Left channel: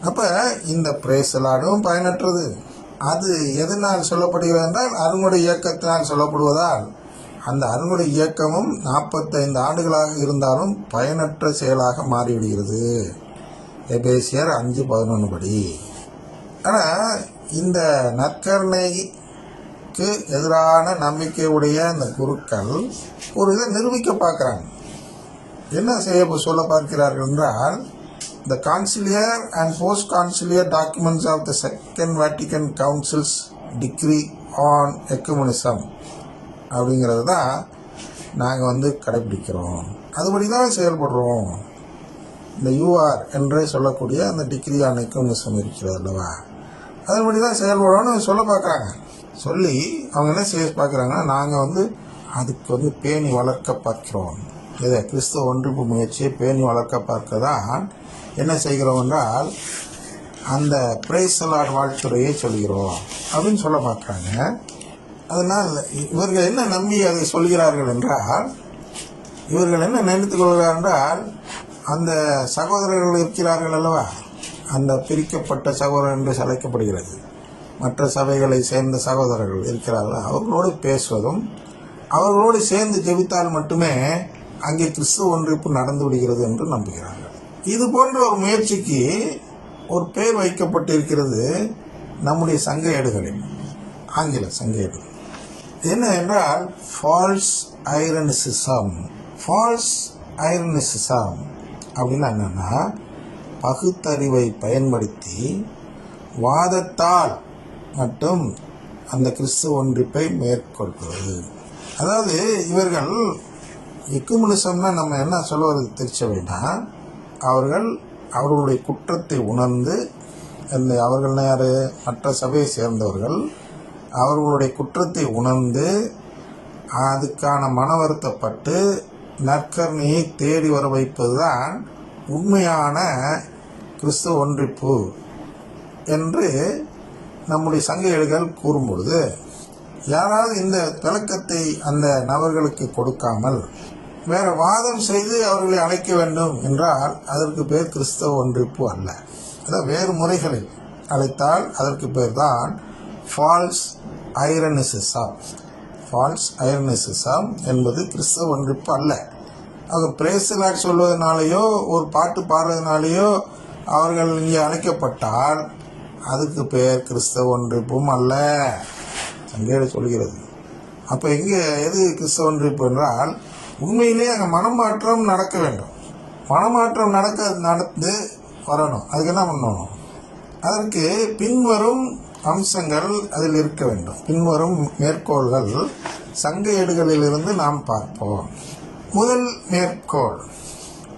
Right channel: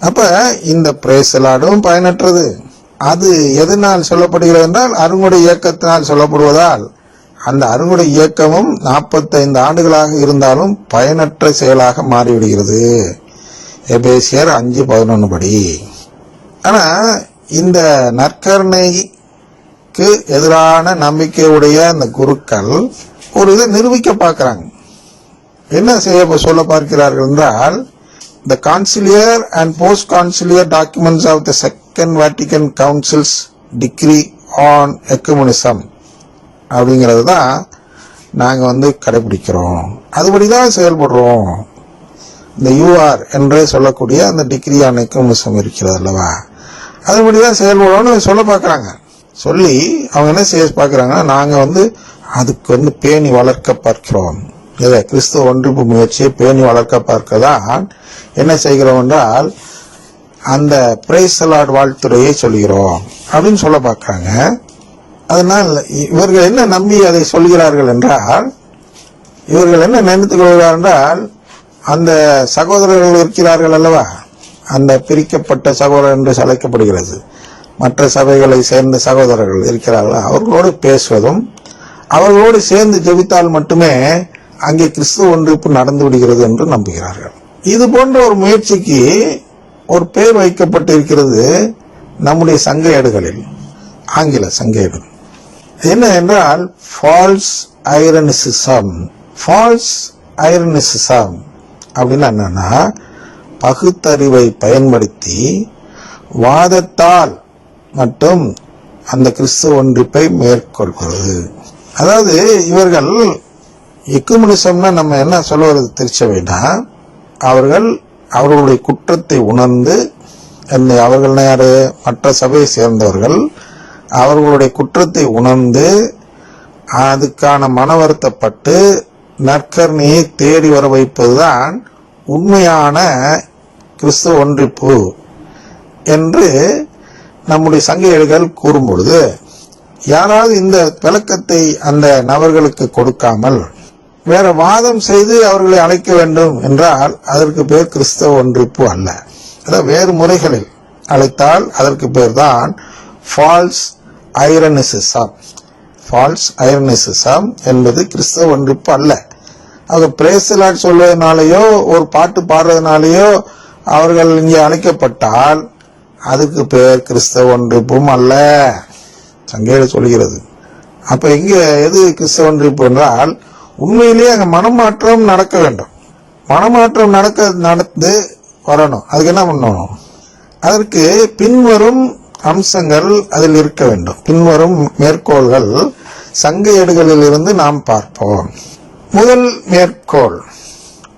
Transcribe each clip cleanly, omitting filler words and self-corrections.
அப்ப இந்த பிரேசலாடும் பயனற்றது. அது எதனால் சொல்லப்படுகிறது என்றால் அருங்குடை இயக்கத்தினால் சொல்லப்படுவதால் அந்த அருங்குடை இயக்கமும் 45 ஆண்டுகளாக இருந்தாலும் பயனற்ற செயலாக மாறிவிடுகிறது. எபேசியர் 5:11 படி. ஆனா இந்த நற்கருணைக்கு எதிரான நம்பிக்கையுடைய அந்த குருக்கள் ஒரு இதை நிரூபிக்க பார்க்கிறாங்க. என்ன செய்ய சொல்ல பார்க்கிறார்கள் என்றால், the conciliar and post-conciliar documents of the Second Vatican Council's decree on ecumenism அப்படிங்கிறது தான் நாங்கள் கடைபிடிக்கிறோம், அதுபடிதான் செயல்படுறோம். இந்த யூஆர் என்று சொல்லக்கூடிய அந்த டிகிரி ஆன் எக்குமெனிசம் இருக்கிறது அல்லவா, அதுபடிதான் செயல்படுறோம்னு சொல்ல பார்க்குறாங்க. சொல்லி அவங்க என்ன செய்ய பார்க்குறாங்கன்னா, நாங்கள் அதுக்கு பேணி வளர்க்க பார்க்கிறோம். இதை கிறிஸ்துவ ஒன்றிப்பு முயற்சியை பேணி வளர்க்க பார்க்கதான் என்ன செய்கிறோம் என்றால் அந்த பிரைஸ் தி லார்ட் வாழ்த்துறையை சொல்கிறோம் அப்படின்னு சொல்ல பார்க்குறாங்க. அதனால் இவர்கள் என்ன நம்பி அதை சொல்கிறார்கள் என்றால், இவர்கள் என்ன நினைத்துக் கொள்கிறார்கள் என்றால், அந்த சகோதரர்கள் இருக்கிறார்கள் அல்லவா, அந்த பிரிக்கப்பட்ட சகோதரர் என்று அழைக்கப்படுகிறது, மற்ற சபைகளை சேர்ந்த சகோதரர்கள் இருக்கிறார்கள், அவர்களோடு பேசுவதும் அவர்களோடு சேர்ந்து ஜெபித்தால் மட்டுமே அங்கே கிறிஸ்துவ ஒன்றிப்பு நடந்து விடுகிறது என்று நம்புகிறார்கள். இது போன்ற ஒரு முயற்சிக்கு ஒரு பெயர் வைக்கப்பட்டிருக்கிறது நம்முடைய சங்க ஏடுகளில், ஆங்கில சங்க ஏடுகள். என்ன என்றால் ஃபால்ஸ் ஐரனிசிசம். ஃபால்ஸ் ஐரனிசிசம் அப்படின்னா என்னன்னா, பகுத்தறிவை பயன்படுத்தி வாதத்தால் மட்டும் அந்த கிறிஸ்துவ ஒன்றிப்பை மேற்கொள்கிறது. அதாவது இவர்கள் எக்குமெனிசம்னா நம்ம என்ன சொல்லுவது திருச்சபைனா, அவர்களுடைய குற்றத்தை உணர்ந்து, அவர்கள் யாரு, மற்ற சபையை சேர்ந்தவர்கள் அவர்களுடைய குற்றத்தை உணர்ந்து அதுக்கான மன வருத்தப்பட்டு நற்கருணையை தேடி வர வைப்பதுதான் உண்மையான கிறிஸ்துவ ஒன்றிப்பு என்று நம்முடைய சங்க ஏடுகள் கூறும் பொழுது, யாராவது இந்த விளக்கத்தை அந்த நபர்களுக்கு கொடுக்காமல் வேற வாதம் செய்து அவர்களை அழைக்க வேண்டும் என்றால் அதற்கு பேர் கிறிஸ்தவ ஒன்றிப்பு அல்ல. அதாவது வேறு முறைகளில் அழைத்தால் அதற்கு பேர் தான் ஃபால்ஸ் ஐரனிசிசம். ஃபால்ஸ் ஐரனிசிசம் என்பது கிறிஸ்தவ ஒன்றிப்பு அல்ல. அது பிரைஸ் தி லார்ட் சொல்வதனாலேயோ ஒரு பாட்டு பாடுறதுனாலேயோ அவர்கள் இங்கே அழைக்கப்பட்டால் அதுக்கு பேர் கிறிஸ்தவ ஒன்றிப்பும் அல்ல, சங்கேடு சொல்கிறது. அப்ப இங்க எது கிறிஸ்தவ ஒன்றிப்பு என்றால், உண்மையிலேயே அங்க மனமாற்றம் நடக்க வேண்டும். மனமாற்றம் நடந்து வரணும். அதுக்கு என்ன பண்ணணும்? அதற்கு பின்வரும் அம்சங்கள் அதில் இருக்க வேண்டும். பின்வரும் மேற்கோள்கள் சங்க ஏடுகளில் இருந்து நாம் பார்ப்போம். முதல் மேற்கோள்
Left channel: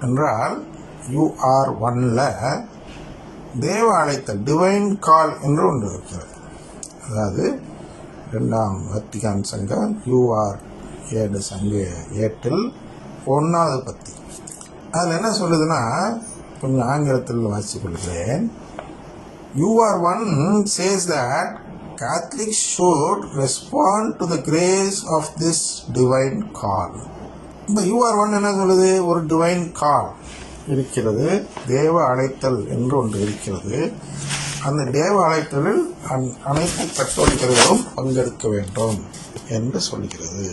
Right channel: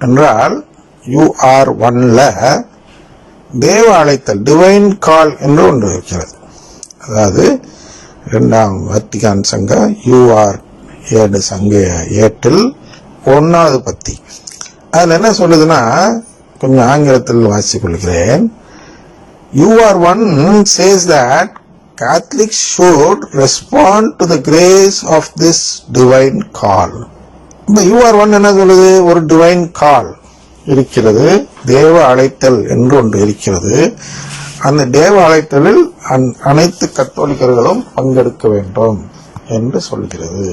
என்றால் UR1ல தேவ அழைத்தல், டிவைன் கால் என்று ஒன்று இருக்கிறது. அதாவது 2ஆம் வத்திக்கான் சங்க UR7 சங்க ஏட்டில் 1வது பத்தி. அதில் என்ன சொல்லுதுன்னா, கொஞ்சம் ஆங்கிலத்தில் வாசிக் கொள்கிறேன். UR1 says that Catholics should respond to the grace of this divine call. இந்த UR1 என்ன சொல்லுது? ஒரு டிவைன் கால் இருக்கிறது, தேவ அழைத்தல் என்று ஒன்று இருக்கிறது. அந்த தேவ அழைத்தலில் அனைத்து கத்தோலிக்கர்களும் பங்கெடுக்க வேண்டும் என்று சொல்கிறது.